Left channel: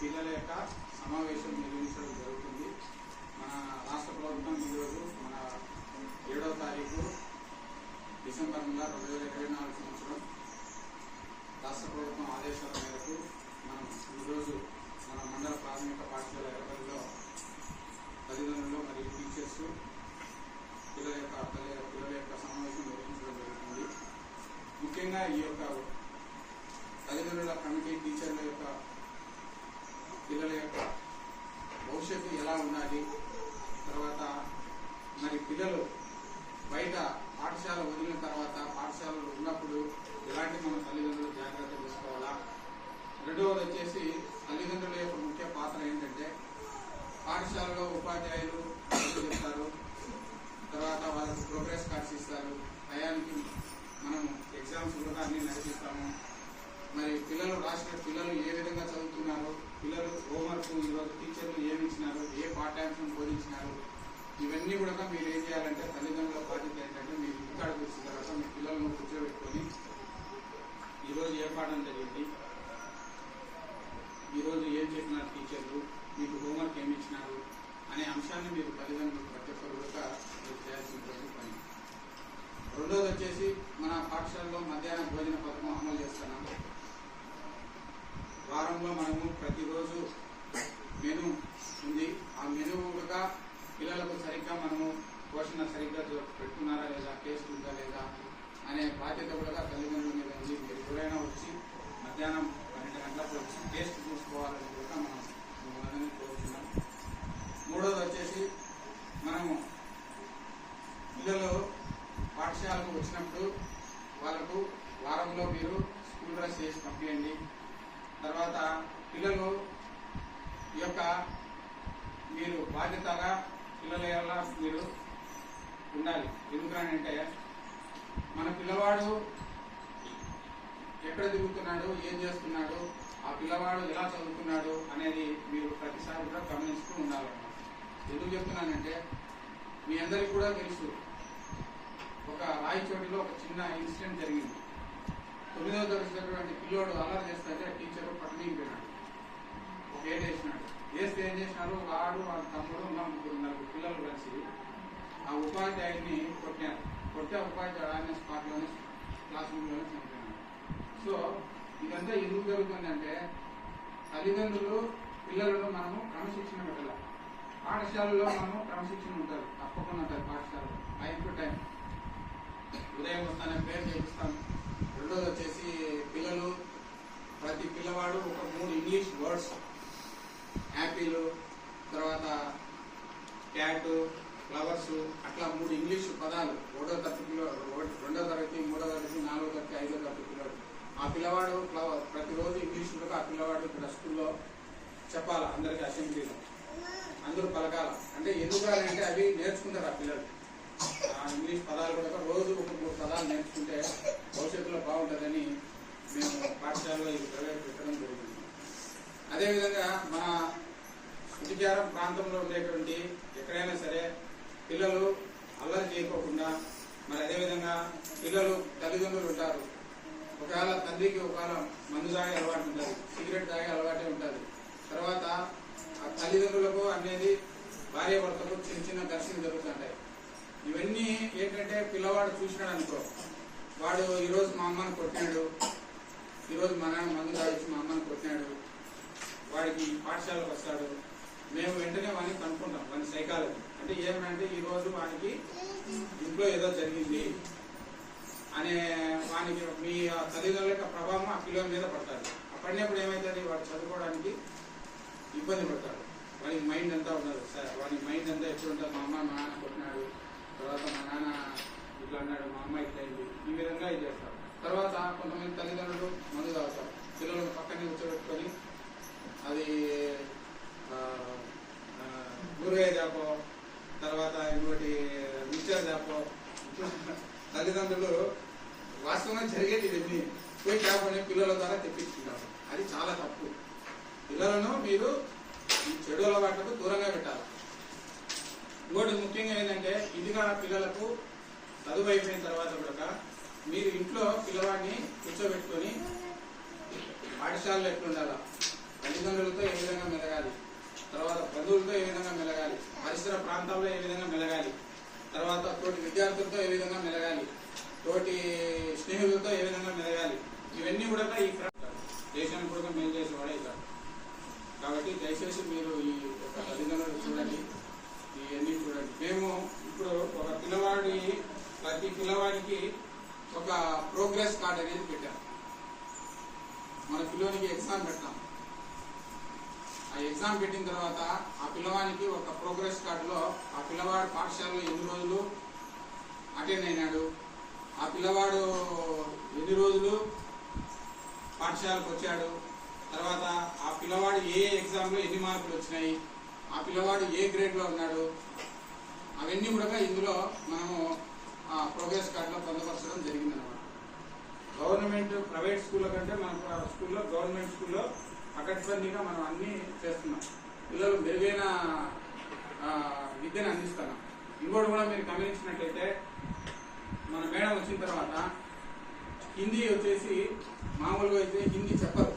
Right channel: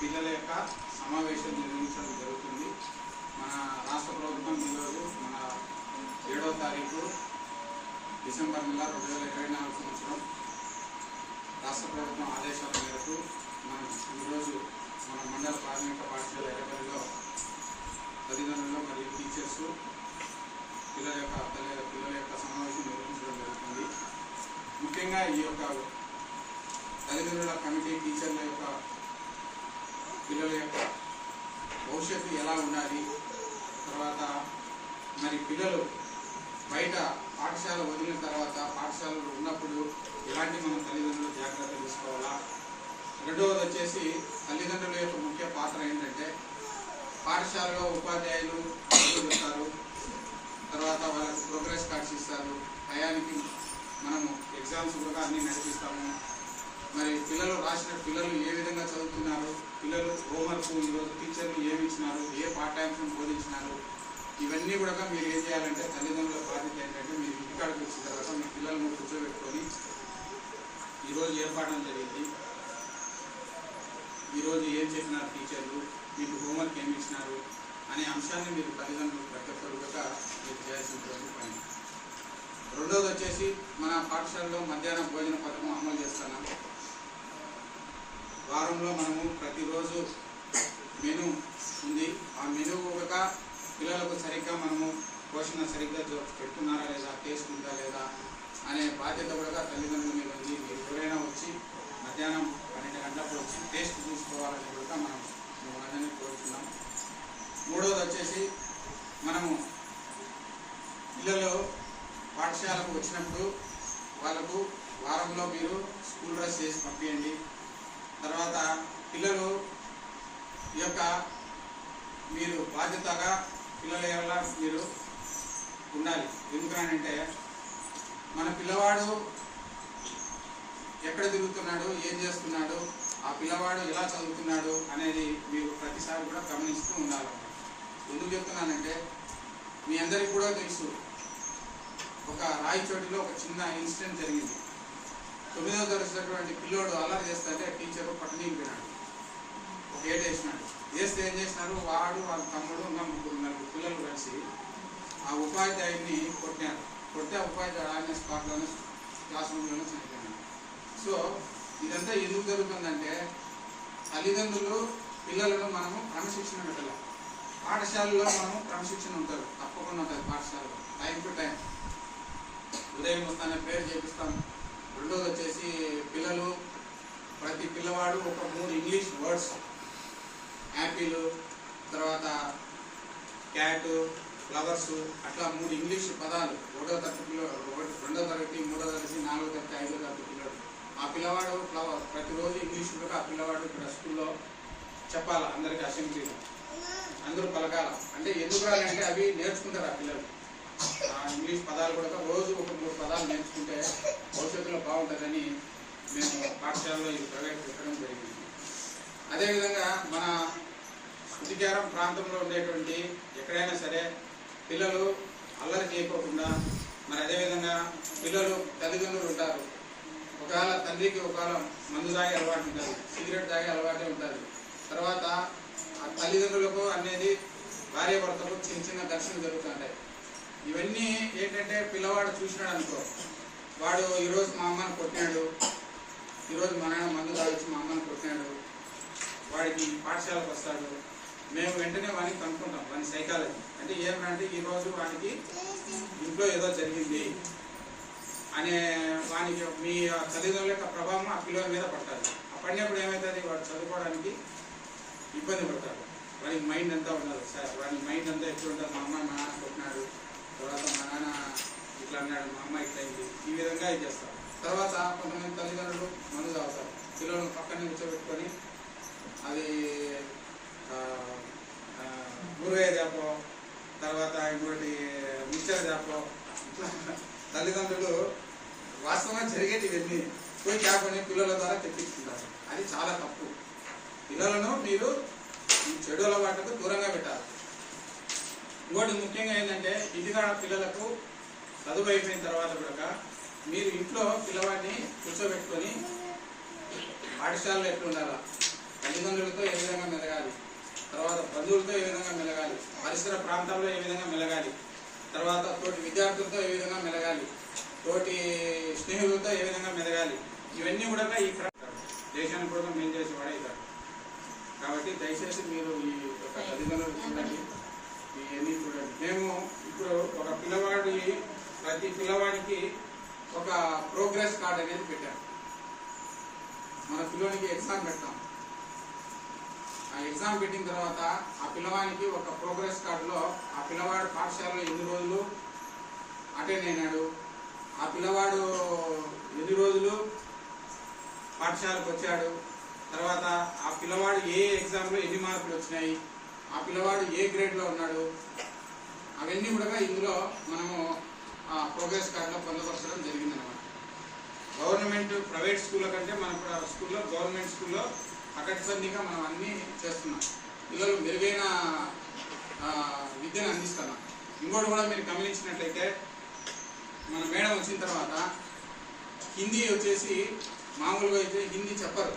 పిల్లల యొక్క సమావేశం నిర్వహించడం జరుగుతుంది. మన రాష్ట్ర ప్రభుత్వం ఈరోజు మన ఏడో తారీఖు డిసెంబర్ నెల రెండు వేల ఇరవై నాలుగు సంవత్సరం రాష్ట్ర ప్రభుత్వం ఆదేశాల మేరకు మనం ఈరోజు మన మండల ప్రాథమిక పాఠశాల ఎరపల్లిలో తల్లిదండ్రులు మరియు టీచర్స్ పిల్లల యొక్క తల్లి పిల్లల యొక్క సమావేశం నిర్వహించడం జరుగుతుంది. ముఖ్యంగా ఈ యొక్క తల్లిదండ్రుల కమిటీ టీచర్ల యొక్క పిల్లల యొక్క భవిష్యత్తు ఎలా ఉండాలి? తర్వాత మరి పిల్లలు బయట పాఠశాల వదిలిన తర్వాత పాఠశాలలో ఉన్నప్పుడు ఎలాంటి మన తల్లిదండ్రులు జాగ్రత్త తీసుకోవాలా? రెండవది వచ్చేసి తల్లిదండ్రుల యొక్క ముఖ్య పాత్ర ఏంటంటే పాఠశాలలో ఉపాధ్యాయులు ఇస్తారు తర్వాత వాళ్ళకి ప్రోగ్రెస్ కార్డ్స్ ఇస్తారు. టయానికి మనము ఎగ్జామ్స్ కూడా అన్ని నడిపిస్తాము మరి పిల్లలు రాసిన పిల్లలు ఏ విధంగా చదువుతున్నారు? పిల్లలు హోంవర్క్ ఈరోజు టీచర్లు ఏమి ఇచ్చినారు ఏ పాఠ్యాంశం బోధించినారు ఇవన్నీ కూడా మీరు ఏం చేయాలంటే తల్లిదండ్రుల బాధ్యత ఏంటంటే మీరు ఇంటికాడికి వచ్చిన తర్వాత మీ పిల్లలను కూర్చోబెట్టుకొని ఈరోజు ఏర్పడడం జరిగింది. ఈరోజు ఏం చెప్పినారు టీచర్లు మీకు హోంవర్క్ ఏమి ఇచ్చినారు అనే అంశాన్ని మీరు తల్లిదండ్రులు ప్రతి ఒక్కరు కూడా మీరు చేయాల్సినటువంటి పని. రెండోది వచ్చేసి మన పాఠశాలలో మధ్యాహ్నం భోజన పథకం అమలు చేస్తున్నాం. వారంలో మనము ప్రతిరోజు మెను ఉంది. ఆ మెను కూడా పిల్లలకు సరిగ్గా మనము పోషణ సరిగ్గా పెట్టుకున్నారా లేదా టేస్ట్ ఉందా లేదా అనే బాధ్యత కూడా తల్లిదండ్రులు మీద ఉంది మీరు ఎవరైనా వచ్చి మధ్యాహ్నం పన్నెండు గంటలకు వచ్చి టేస్ట్ చూసుకోవాలని కూడా మనం మిమ్మల్ని కోరుతున్నాం మూడోది వచ్చేసి మనము పిల్లలు పాఠశాలకు వచ్చినప్పుడు వాళ్ళకు వారంలో మీరు స్కూల్ డ్రెస్ చేసి పంపించండి తర్వాత పిల్లలు ఈ యొక్క మీరు బాధ్యతగా పిల్లల ఎలా మీరు ఉండాలి ఎందుకనంటే మన పిల్లవాడు ఎక్కడ తిరుగుతున్నాడు ఏం చేస్తున్నాడు ఆ పిల్లవాడు ఎలా చదువుతున్నాడు అనేది మీరు ప్రతిసారి కూడా గమనిస్తూ ఉండాలన్నమాట ఎందుకు చెప్తున్నానంటే మీ అందరికీ కూడా తెలుసు ఒక రాయిచోటిలో ఒక చిన్న ఇన్సిడెంట్ జరిగింది. తొమ్మిదవ తరగతి పిల్లోడు అల్లరి చేస్తే టీచర్ పట్టణింపినాడు ఒక ఏడు వేసినాడు. వేస్తే ఏం చేసినారు? వాడు వాళ్ళ తమ్ముడు ఇంకా ముగ్గురు నలుగురు పిల్లలు కలిసి ఆ ఉపాధ్యాయుడిని కొట్టినారు కొడితే ఉపాధ్యాయుడు ఆయన స్పాట్లోనే క్లాస్ రూమ్లోనే చనిపోయినాడు. సో ఇదంతా ఎందుకు జరుగుతుందంటే తల్లిదండ్రులు పిల్లలను మనము క్రమశిక్షణ పెట్టాలి. పాఠశాలలో మనము క్రమశిక్షణ ఉంటారు తప్పకుండా ఉంటుంది పాఠశాలలో టైం టు టైం. ఉదయం వస్తానే ప్రేయర్ చేపిస్తాం. రెండోది వచ్చేసి పిల్లలు ప్రతి పిల్లవాడు ఒక మూడు ఇంగ్లీష్ వర్డ్స్ యాపిల్ తర్వాత క్యాట్ ఫ్లవర్స్ అట్లా మూడు ఇంగ్లీష్ పదాలు ఒకటో తరగతిలో ఒకటి- రెండో తరగతి మూడో తరగతి నాలుగో తరగతి ఐదో తరగతి. ఆ పిల్లవాడు ప్రతిరోజు ఇంగ్లీష్ ఉండక ఆ పిల్లవాడు ఇక్కడ స్కూల్లో చెప్పాలి అందరికీ అసెంబ్లీలో. అందరూ పలకాల. అంటే ఎందుకు అంటే అవి నేర్చుకుంటారు ఆ పిల్లలు. ఆ ఇంగ్లీష్ పదాలు కూడా రోజు ఒక మూడు పదాలు నేర్చుకుంటే భవిష్యత్తులో బాగుంటుందని మేము పాఠశాలలో ఇది ప్రవేశపెట్టడం జరిగింది. అదేవిధంగా మన శుద్ధికారం ప్రాంతంలో ఉండేటువంటి ఎక్కడైనా సరే పిల్లలు అల్లరి చేయకోకుండా మరి అదేవిధంగా పిల్లలు తల్లిదండ్రులు ఉంటారు. ఒకవేళ తండ్రికి ఒకవేళ మందు తాగే అలవాటు ఉంటుంది సిగరెట్ తాగే అలవాటే ఉంటుంది. తర్వాత ఆ తల్లిదండ్రులకు అనేది భార్య భర్తకు చిన్న చిన్న ఘర్షణ జరుగుతుంటాయి. ఇవన్నీ ఏంటంటే పిల్లవాడు చూసినాడు అనుకో వాడు ఈరోజు మా అమ్మని కొట్టినాడు ఈరోజు మా నాన్న మందు తాగించి మా అమ్మని కొట్టినాడు వాడికి పాఠశాలకు వస్తాడు మేము వెంటనే వాడిని కనుక్కుంటాం వాని సైకాలజీ. అంటే ఏమంటే ఈరోజు వాడికి ఇంట్లో ఏదో జరిగింది అనే వాని మీ తల్లిదండ్రుల యొక్క ప్రభావం ఆ పిల్లల మీద పడుతుంది. ఆ పడినప్పుడు ఏమవుతుంది వాడు చదువుకోవడానికి ఇబ్బంది పడతారు వానికి మైండ్ అంతా ఉండదు. సార్ వాడి మైండ్ అంతా ఎప్పుడు ఉంటుంది మా అమ్మ మా నాన్న కొట్టినాడు. తర్వాత మా నాన్న ఇట్లా అన్నాడు. మా అమ్మ ఇట్లా అయింది. ఈ విధంగా ఇది చేస్తారు. తర్వాత కొంతమంది తల్లిదండ్రులు మందు తాగుతారు. పిల్లలను పక్కన కూర్చోబెట్టుకొని అది గురువయ్య చేపో తర్వాత ఇంకోటి మిక్చర్ చేపో తల్లిదండ్రులు వాస్తవంగా జరిగేది ఇవన్నీ. పోయి చేపని పిల్లల ద్వారా తెప్పించుకుంటారు అది చాలా తప్పు. పిల్లలను మీరు ఈ చెడు అలవాట్లకు దూరంగా పెట్టాలి. ఇంకోటి ముఖ్యంగా ఏంటంటే ఇంటికాడ పిల్లలకు చదువు అయిపోయిన తర్వాత కూడా మీరు ఇంట్లో పిల్లవాడిని కూర్చోబెట్టుకొని పాఠశాలలో ఎట్లుండాలా తల్లిదండ్రులతో ఏ విధంగా మెలగాలి? తర్వాత బంధువులతో ఏ విధంగా మెలగాలి? పరిసర ప్రాంతాల్లో ఏ విధంగా మెలగాలి? తర్వాత తోటి విద్యార్థులతో ఏ విధంగా మెలగాలి? తోటి స్నేహితులతో ఏ విధంగా మెదగాలి? ఇవన్నీ కూడా ఈ క్రమ- దేశానికి కూడా మేలు చేసేవాడే ఇతాడు కాబట్టి దయచేసి మీరు ఈ యొక్క తల్లిదండ్రులు చూడండి. ఇవన్నీ చూడండి. మేము ఇప్పుడు ఒక పిల్లవాడి ప్రతి పిల్లవాడికి ఒక ప్రోగ్రెస్ కార్డ్ అనేది పెట్టాం. మన పిల్లవానికి ఎగ్జామ్ పెట్టాం ఆ ఎగ్జామ్ పెట్టిన తర్వాత ఆ పిల్లవానికి ఒక ప్రోగ్రెస్ కార్డులో ఆ పిల్లవాడు పాఠశాలలో ఎన్ని రోజులు అటెండ్ అయినాడు? ఆ పిల్లవాడు ఎన్ని రోజులు పాఠశాలకు వచ్చాడు తర్వాత ఆ పిల్లవాడు ఏ ఎగ్జామ్లో ఎన్ని మార్కులు వచ్చినాయి? ఆ పిల్లవాడు ఏ గ్రేడ్లో ఉన్నాడు? అవన్నీ కూడా ఇందులో మనము ఆ ప్రోగ్రెస్ కార్డులో పొందపరచడం జరిగిందన్నమాట. గవర్నమెంట్ ప్రైవేట్ స్కూళ్ళ కంటే మన స్కూల్లో గవర్నమెంట్ స్కూల్లో పకడ్బందీగా మనం అన్నీ చేస్తున్నాం. పిల్లలు మెరుగైన విద్యను అందిస్తున్నాం. ఇంకోటి కూడా మీరు గమనించినట్లయితే మన మేడం వచ్చిన తర్వాత హిందీ వచ్చేసి మామూలుగా అయితే హిందీ చెప్పరు.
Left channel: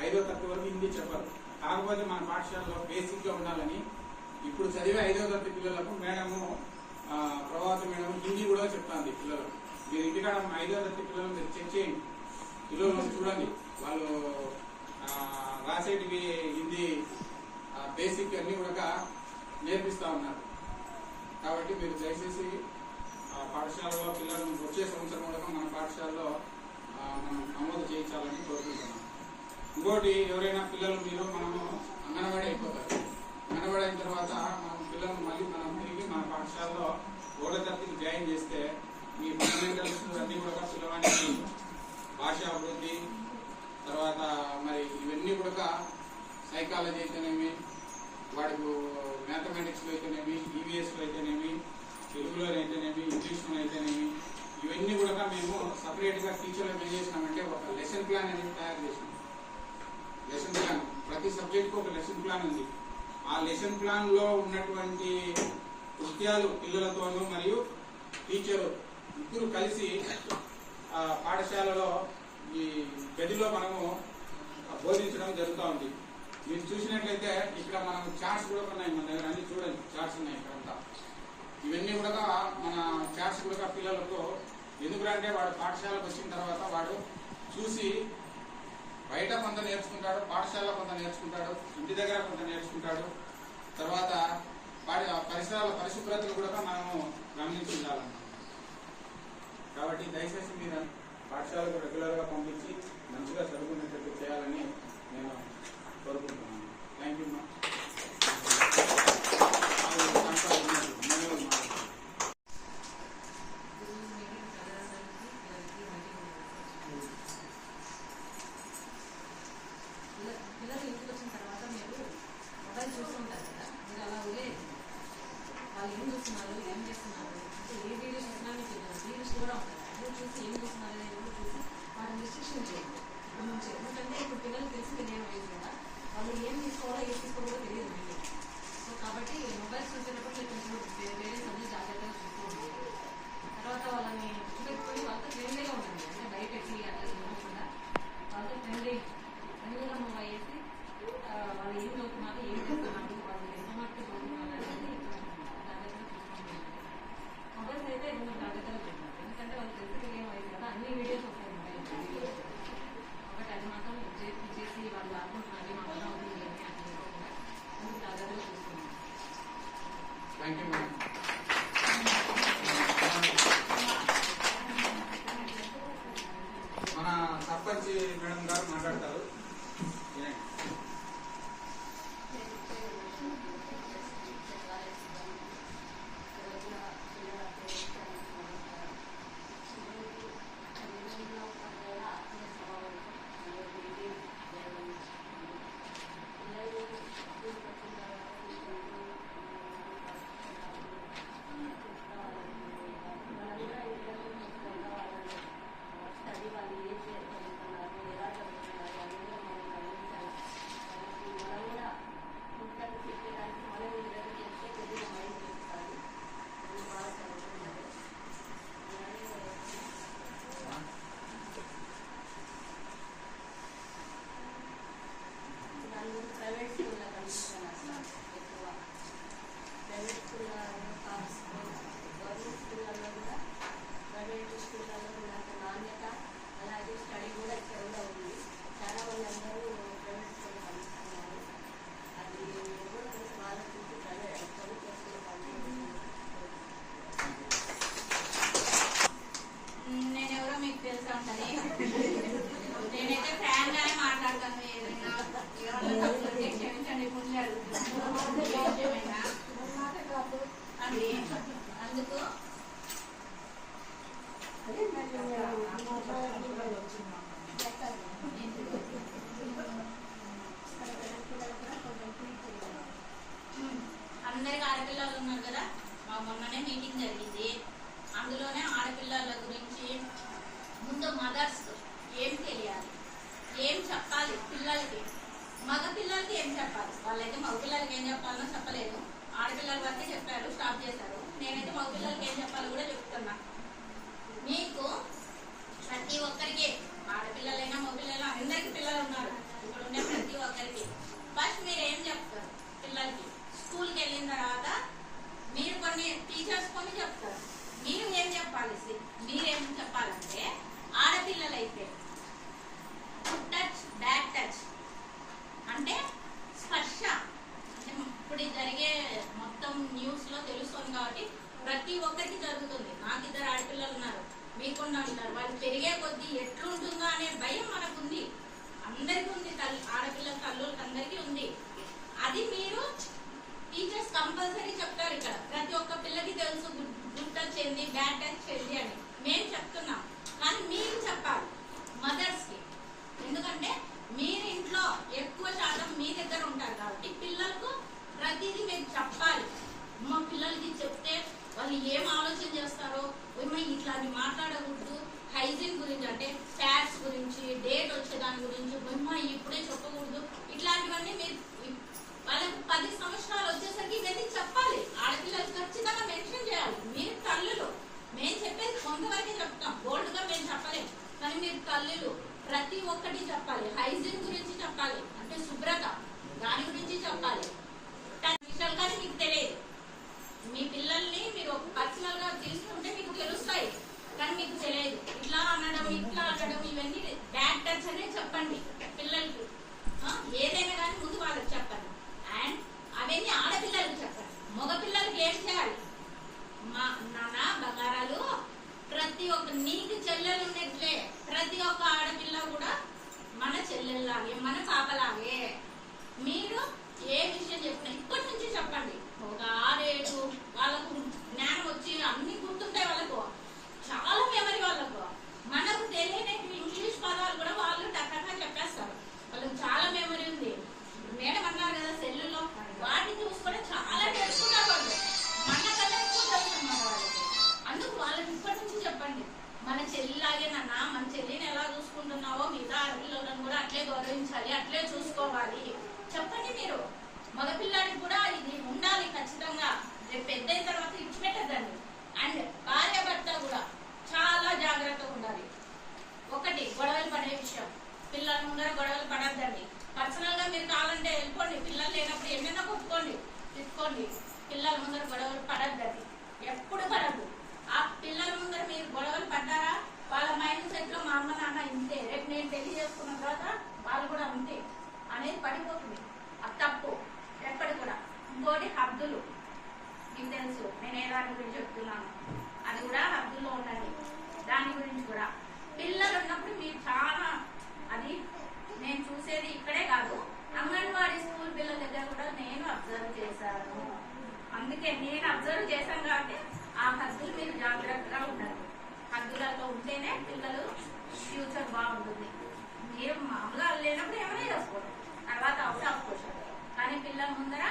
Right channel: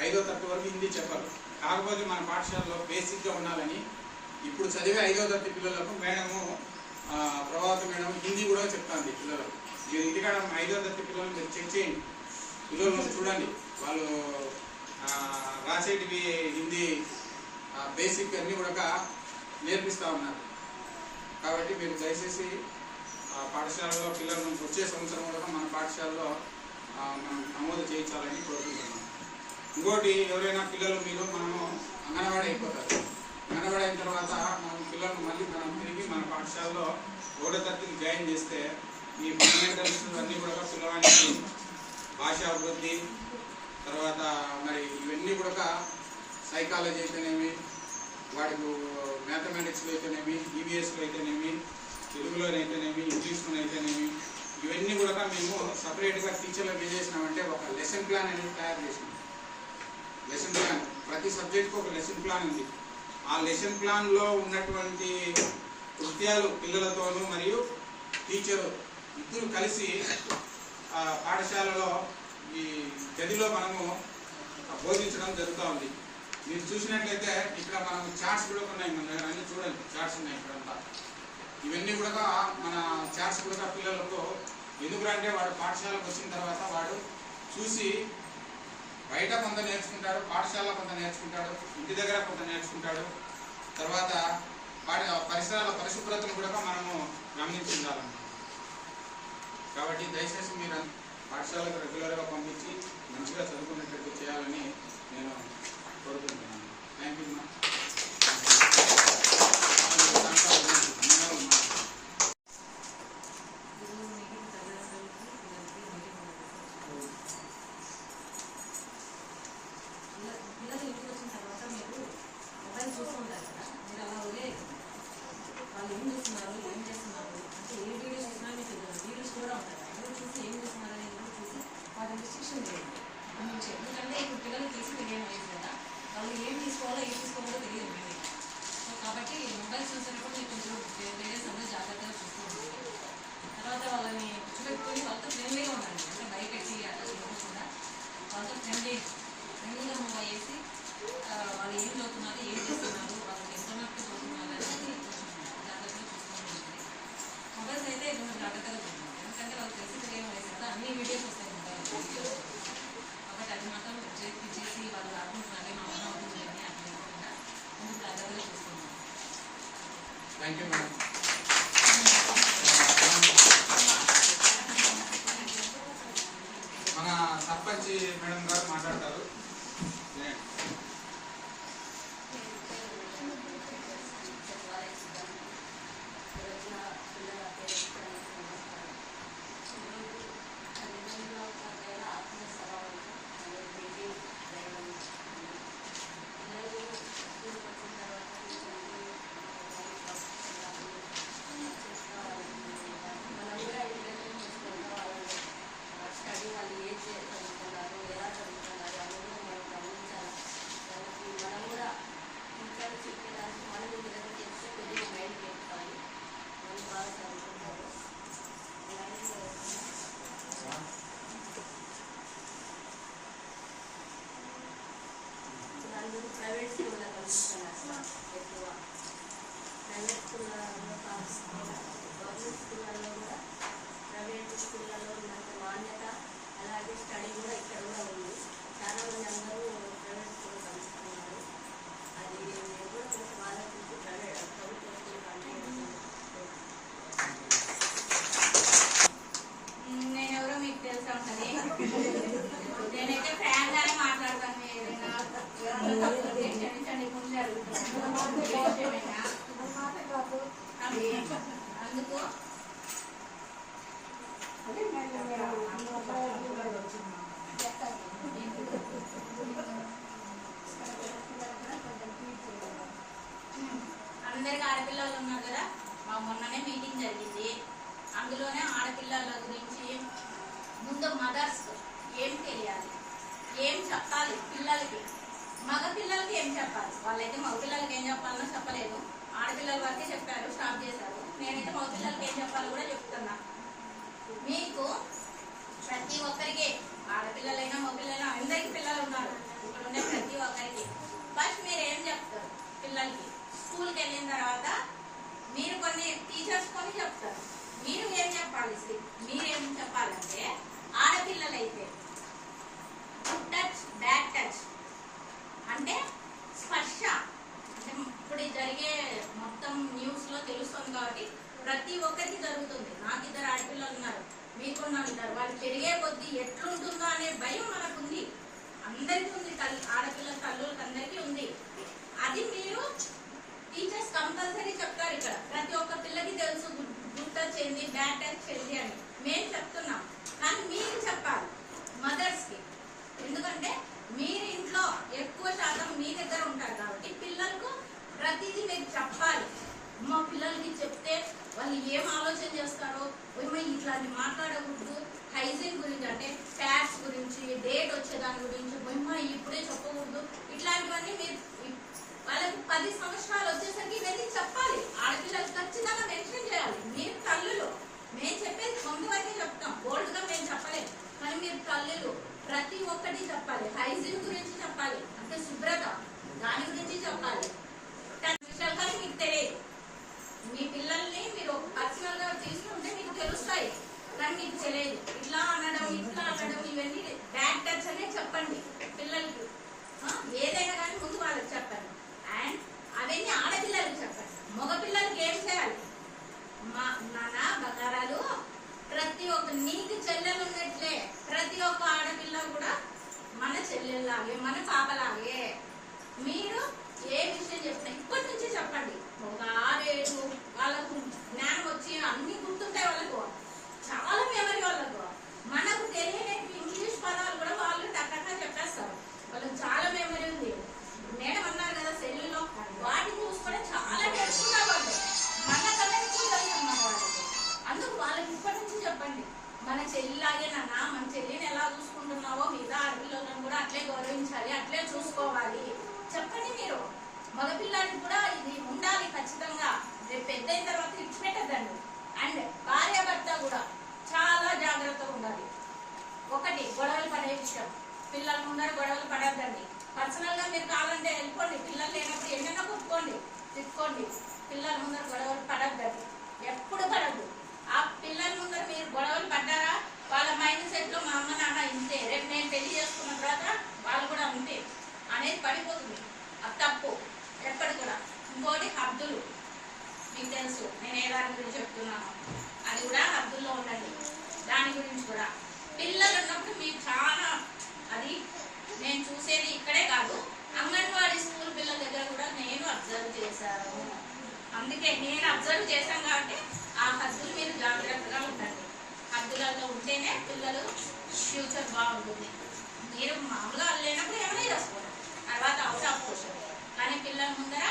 ఐదో తరగతి వరకు హిందీ చెప్పరు. కాకపోతే మన పాఠశాలలో బేసిక్గా ఉండాలని ఇప్పుడు చదివే ఐదో తరగతి పిల్లలకు మేడము ఆ, ప్రభావత మేడం హిందీ కూడా చెప్తాంది పిల్లలకు. మీరు ఇంటికాడ ఐదో తరగతి పిల్లలు మీరు చెక్ చేయండి. పిల్లలను చూడండి. వాళ్ళు రాసేటివి హిందీ బేసిక్ అన్నీ కూడా నేర్పిస్తూ ఉన్నారు. కాబట్టి మీరు దయచేసి పాఠశాలలో పిల్లలను వచ్చే సంవత్సరం కూడా మన పాఠశాలలో మనం నమోదు చేయించాలని కోరుకుంటున్నాం. ఇంకోటి ఎవరైనా పిల్లలు మీరు మనము అంగన్వాడీ అయిపోతారు. అంగన్వాడీ అయిన తర్వాత మనం పిల్లలను మళ్ళీ మనం తిరిగి మన పాఠశాలలో ఓడో తరగతికి జాయిన్ చేస్తే ఈ ఫండమెంటల్స్ అన్నీ కూడా పిల్లడానికి భాష అభివృద్ధి తర్వాత మరి ఇవన్నీ కూడా సైకాలజీ అయితేనేమి వాడికి మ్యాథమెటిక్స్లో అయితేనేమి ఈవీఎస్లో అయితేనేమి తెలుగులో అయితేనేమి ఇంగ్లీష్లో అయితేనేమి ఇవన్నీ కూడా మేము సపరేట్గా టీచర్లకు ఏం చేసినామంటే ఒక లెసన్ ప్లాన్ అనేది తయారు చేసినాం. లెసన్ ప్లాన్ ప్రతి సబ్జెక్ట్కి ఒక లెసన్ ప్లాన్ ఉంది. ఆ లెసన్ ప్లాన్లో ఉన్నటువంటి కృత్యాలు పిల్లలతోనూ మరియు టీచర్ ఇద్దరు కలిసి ఆ పాఠశాలలో ఈ గదిలో మనము బోధించడం జరుగుతూ ఉంది. మీరు చూసినట్లయితే ఇక్కడ మనము చార్ట్స్ కూడా ఉన్నాయి మన దగ్గర అన్ని చూడండి. చార్ట్స్ ఉన్నాయి ఇక్కడంతా. ఇవన్నీ కూడా మన చాట్స్ కూడా పిల్లలకు ఎందుకంటే వాడు పాఠశాలకు వచ్చిన తర్వాత వాడు చూసి బయట కొంత నేర్చుకుంటాడు పాఠశాలలో కొంత నేర్చుకుంటాడు ఇంటి దగ్గర కొంత నేర్చుకుంటాడు. తర్వాత వాడి పరిసరాల పరిశుభ్రతను కూడా మనము గమనించాలన్నమాట కాబట్టి దయచేసి మీరు పాఠశాలకు రెగ్యులర్గా పంపించి మంచిగా చదువుకునేటట్టు చేయాలని నేను కోరుకుంటున్నాను. థ్యాంక్ యూ మా పిల్లలు ఇంటికి వచ్చిన తర్వాత మీరు మొబైల్ చూస్తుంటారు కదా మీరు అలా వదిలేదు వాళ్ళు ఏం చూస్తున్నారు ఏం చేస్తున్నారు అంటే ఏ వీడియో చూసినా మీకు వీడియోస్ కూడా ఉంటాయి అదే చూసి ఏం చూస్తున్నారు అనేది చూసి వాటిని రిస్ట్రిక్షన్ చేయండి నుంచి ఎందుకంటే ఇప్పుడు పిల్లలు తెలిసి తెలియడం లేదు కదా వాళ్ళు ఏం తీసుకోవాలో ఏం తీసుకోవాలో తెలియదు మీకు సో కాబట్టి మొబైల్స్ చూసేటప్పుడు మీరు కొంచెం పేరెంట్స్ అందరూ జాగ్రత్తగా చూస్తూ తర్వాత వాళ్ళని కూర్చోబెట్టుకొని వాళ్ళతో ఫ్రెండ్లీగా ఉండండి అంటే బయట అట్లా చూడకుండా వాళ్ళతో ఫ్రెండ్లీ ఫ్రెండ్లీగా మూవ్ వాళ్ళు ఏం చదువుతున్నారు ఏం చేస్తున్నారు అందరికి ఆడపిల్లలు ఉన్నారు కదా? మా మొన్ననే మీటింగ్ జరిగింది. అందులోనే ఆడపిల్లల గురించి ముందు మదర్స్ ఏం తెలియాలి? ఏం చెప్పాలి పిల్లలకి? మగ పిల్లలకి ఏం చెప్పాలి? వాళ్ళైతే మగ పిల్లలకి ఏం చెప్పాలనో చెప్పలేదు. ఆడపిల్లల వరకే చెప్పారు స్టాప్ చేశారు. నేనైతే మగ పిల్లలకి ఏం చెప్పాలో కూడా చెప్తున్నా. మీకు ప్రతి ఒక్కరికి ఆడపిల్లలైనా మగపిల్లలైనా అందరికి పిల్లలు ఉన్నారు. ఇక్కడ ఉండే ప్రతి ఒక్కరికి. ఫస్ట్ మీరు ఏం చెప్తారు? పిల్లలకి స్కూల్కి వెళ్ళిన తర్వాత మీరు కొన్ని టీచర్స్ కొన్ని చెప్తారు. మీరు ఏం చెప్పాలి? మీరేం చెప్పాలంటే ఆడపిల్లలైతే గుడ్ టచ్ బ్యాడ్ టచ్ అంటే స్పర్శ. అంటే ఇప్పుడు జరిగే మొత్తం న్యూస్లో తెలుస్తుంది కాబట్టి ప్రతి ఒక్కరికి జరుగుతుంది. నాకు ఇద్దరు ఆడపిల్లలు ఉన్నారు. మీకున్న ఉన్నారు వాళ్ళు పెరిగే కొద్దీ ఎట్లుంటుందో అనే భయం మనకుంది. అందరికీ ఉంది తల్లి ఆడపిల్ల అన్న బంగారాలు. ప్రతి ఒక్క నీకు చెల్లెలు ఉన్నట్లే ప్రతి ఒక్క ఆడపిల్ల కూడా మన చెల్లెల్లాగే మన పాపలాగే. మీరు ఏ విషయం చెప్పినా ఇప్పటి నుంచే చెప్పండి. ఒక ఆరేడు వాళ్ళకు జ్ఞానం వచ్చి అన్ని గుర్తుంటాయి వాళ్ళకు. చాలా మెమరీ వాళ్ళకు. మనకు తెలియని ఇంగ్లీష్ పదాలు కూడా వాళ్ళు టక్కగా చెప్పేస్తారు. వాళ్ళకి చాలా మెమరీ ఉంది. మేడం అన్నారు కదా సెల్లులో వాటిని చూసుకుంటే చాలా నేర్చుకున్నారు వాళ్ళకి ఇప్పటి నుంచి చెప్పండి. మన చెల్లిలాగే నాన్న మన చెల్లిని ఎలా చూసుకుంటున్నావో మిగతా ఆడపిల్లలను కూడా అట్లే గౌరవించాలి అట్లే చూసుకోవాలి. చెప్పండి మీరు. మగ పిల్లలకి కూడా ఇది ఉండాలి ఖచ్చితంగా. రేపు పెద్ద అయిన తర్వాత ఇచ్చిపెట్టద్దండి అండ్ భార్య భర్త కూడా చాలా జాగ్రత్తగా ఉండాలి. ఒకటి గొడవలు పడే విషయం. పిల్లల ముందర గొడవలు పడద్దండి. పర్సనల్గా మీరు కావాలంటే వెళ్ళిపోండి. పిల్లలు లేనప్పుడు ఎన్నైనా కొట్టుకోండి తీసుకోండి పిల్లల ముందర గొడవలు పడద్దండి. ఎప్పుడు పడద్దు. ఆ పిల్లలు మీరు గొడవలు పడ్డారా? వాళ్ళ మైండ్ సెట్లో మా అమ్మ నాన్న ఇంతే. రేపు నేను పెళ్ళి చేసుకున్న తర్వాత వాళ్ళు కూడా అంతే అనేది పడిపోతుంది. అది తప్పు. ఎక్కడ కూడా. ఇంకోటి హద్దులు. మీకు తెలుసు నేను ఏ దాని గురించి చెప్తున్నాను? అది కూడా హద్దుల్లో ఉండండి. దాని గురించి కూడా. పిల్లలు ఉన్నప్పుడు మీరు చాలా అది నేను చూసేది ఇక్కడే కాదు. అంగన్వాడీ స్కూల్ పిల్లల దగ్గర కూడా నేను అబ్జర్వ్ చేశాను. అందుకే నేను అబ్జర్వ్ చేశాను కాబట్టి ఆ హద్దులు మీద జాగ్రత్తగా ఉండండి. హద్దులలో ఉంటేనే పిల్లలు ఫ్యూచర్ బాగుంటుంది. మీరు మామూలు లేనప్పుడు ఏమైనా చేసుకోవడం తర్వాత అవుట్ ఆఫ్ క్వశ్చన్ కానీ పిల్లల ముందర